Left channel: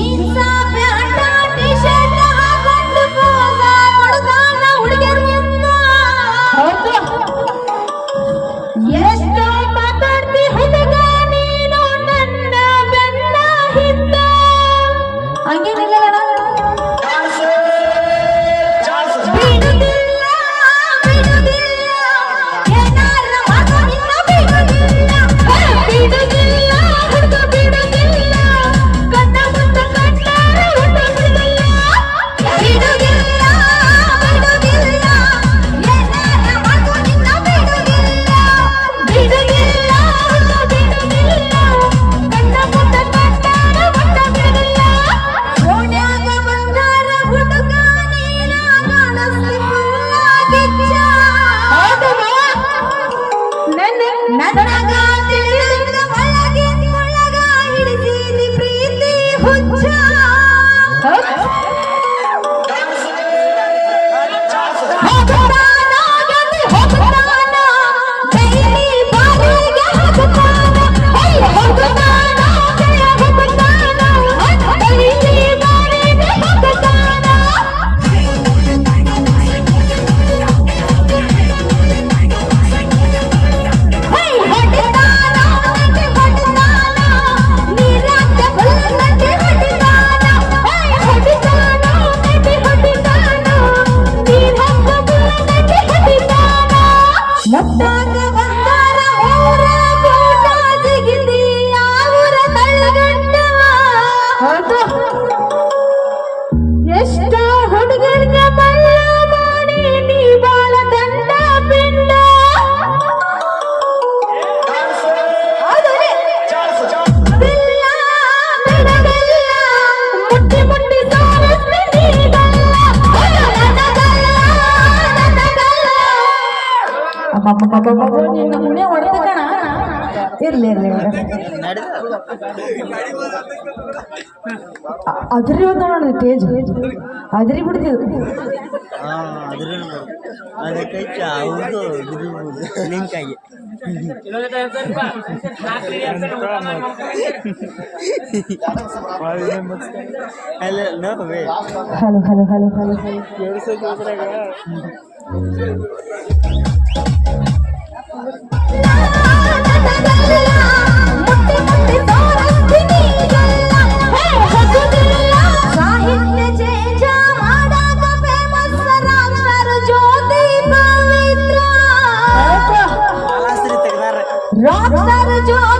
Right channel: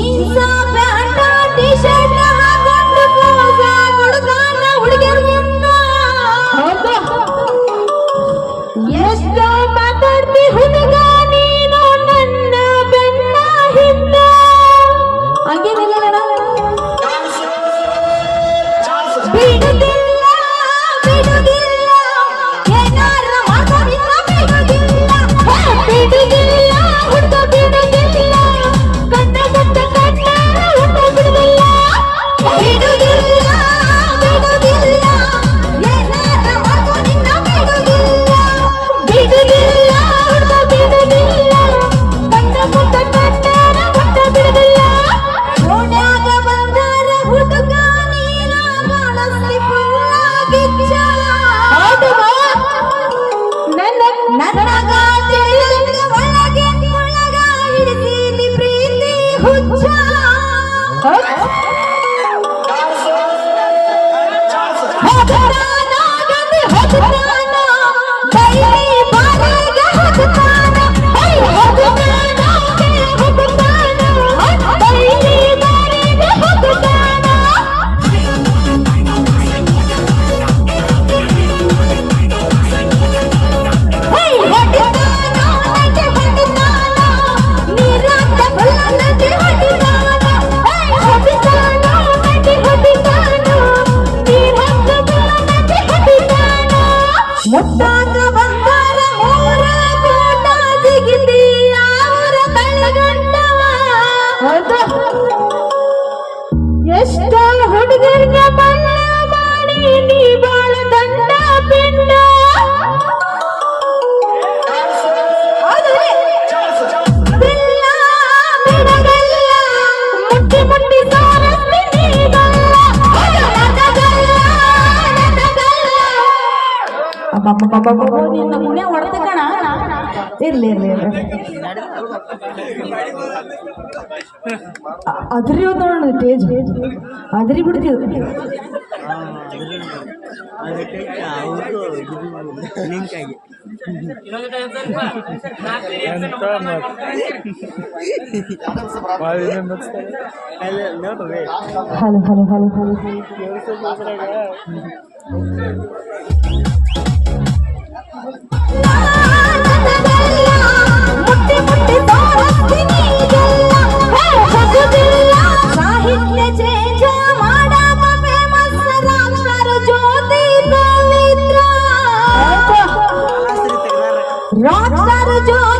你在。ಮುದ್ದಾಗ ಇರ್ಲಿ ಇರ್ಲಿ ಅದ್ರಿ ಇವತ್ತು ನೋಡೋಣ ತೇಜ್ ಅದ್ರಿ ಬಿಡ್ತಿದ್ರು hello hello hello hello Don't